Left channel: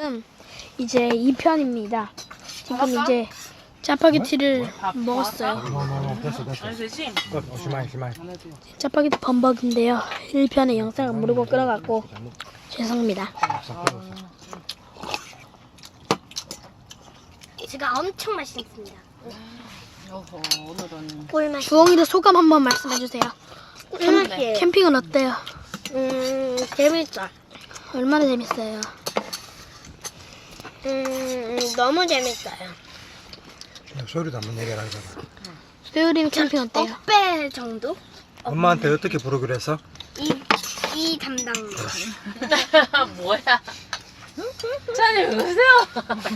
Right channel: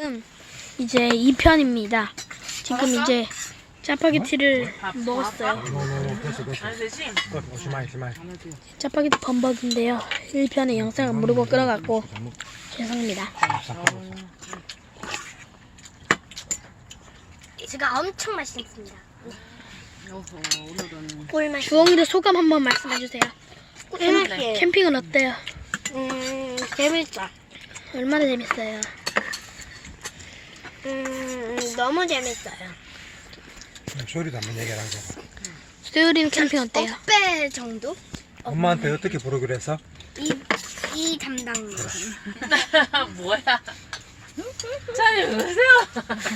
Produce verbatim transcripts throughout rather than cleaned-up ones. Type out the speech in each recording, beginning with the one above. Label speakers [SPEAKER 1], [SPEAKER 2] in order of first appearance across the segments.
[SPEAKER 1] 지금 이제 이 편입니다. 지금 이제 짜파게티를 먹었어요. 짜파게티 범벅인데요. 일 편의 영상을 모르고 끌어갔고 죄송합니다.
[SPEAKER 2] 제가 엄청 맛있습니다.
[SPEAKER 1] 꿀맛. 주홍이의 소감 한번 말씀해주세요.
[SPEAKER 2] 음,
[SPEAKER 1] 캠핑은 어때요?
[SPEAKER 2] 음, 재밌다.
[SPEAKER 1] 얼마나 재밌어요?
[SPEAKER 2] 음, 너무 재밌어요.
[SPEAKER 3] 소리도 한번 얘기하라 고
[SPEAKER 1] 수요일이는 캠핑 어때요?
[SPEAKER 2] 배 정도?
[SPEAKER 3] 엄마한테 어떻게 부르기로 했어?
[SPEAKER 2] 이, 이 담당님.
[SPEAKER 4] 뭐야? 찬이 왜 그러세요?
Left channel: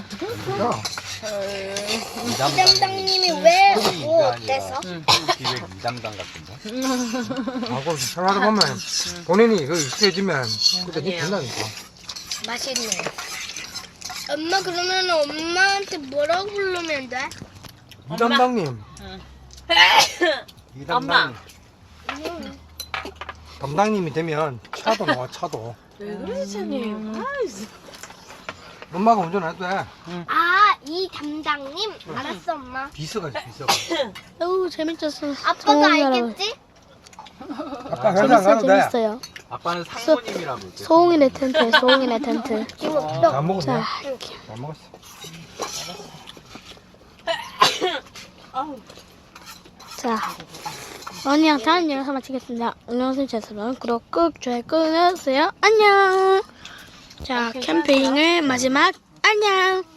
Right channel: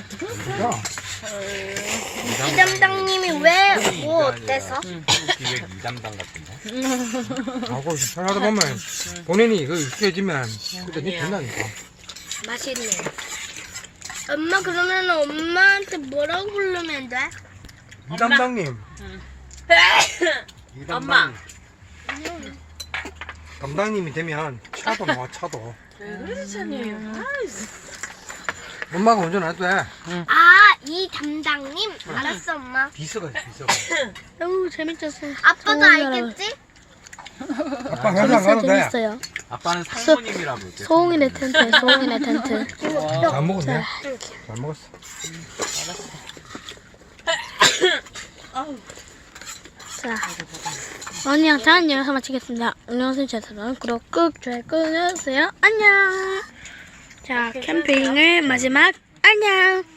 [SPEAKER 2] 이 담당님이 왜, 뭐 어때서?
[SPEAKER 5] 기획 이 담당 같은데?
[SPEAKER 3] 하고 생활하다 보면 본인이 그 익숙해지면 그때 니 된다니까.
[SPEAKER 2] 맛있네요. 엄마, 그러면 엄마한테 뭐라고 부르면 돼?
[SPEAKER 3] 이 담당님. 이
[SPEAKER 4] 엄마.
[SPEAKER 3] 담당님. 담당님이 되면 차도 나와 차도.
[SPEAKER 4] 왜 그러지 찬이?
[SPEAKER 3] 엄마가 운전해도 돼.
[SPEAKER 2] 아, 이 담당님? 알았어, 엄마.
[SPEAKER 3] 비서가 있어 비서가.
[SPEAKER 1] 어우 재밌었어.
[SPEAKER 2] 아빠도 알겠지?
[SPEAKER 3] 아빠 회사 안
[SPEAKER 1] 재밌어요
[SPEAKER 3] 가도 돼.
[SPEAKER 1] 재밌어요.
[SPEAKER 5] 아빠는 상무님이라고 했대.
[SPEAKER 1] 소홍이네 텐트 소홍이네 텐트.
[SPEAKER 3] 잘 먹었네.
[SPEAKER 1] 자.
[SPEAKER 3] 잘 먹었어.
[SPEAKER 1] 자, 언니랑 다음 영상 마치겠습니다. 안녕하세요. 저는 구독 꾹 좋아요 꾹 해주세요. 안녕. 자, 캠핑의 마지막 안녕.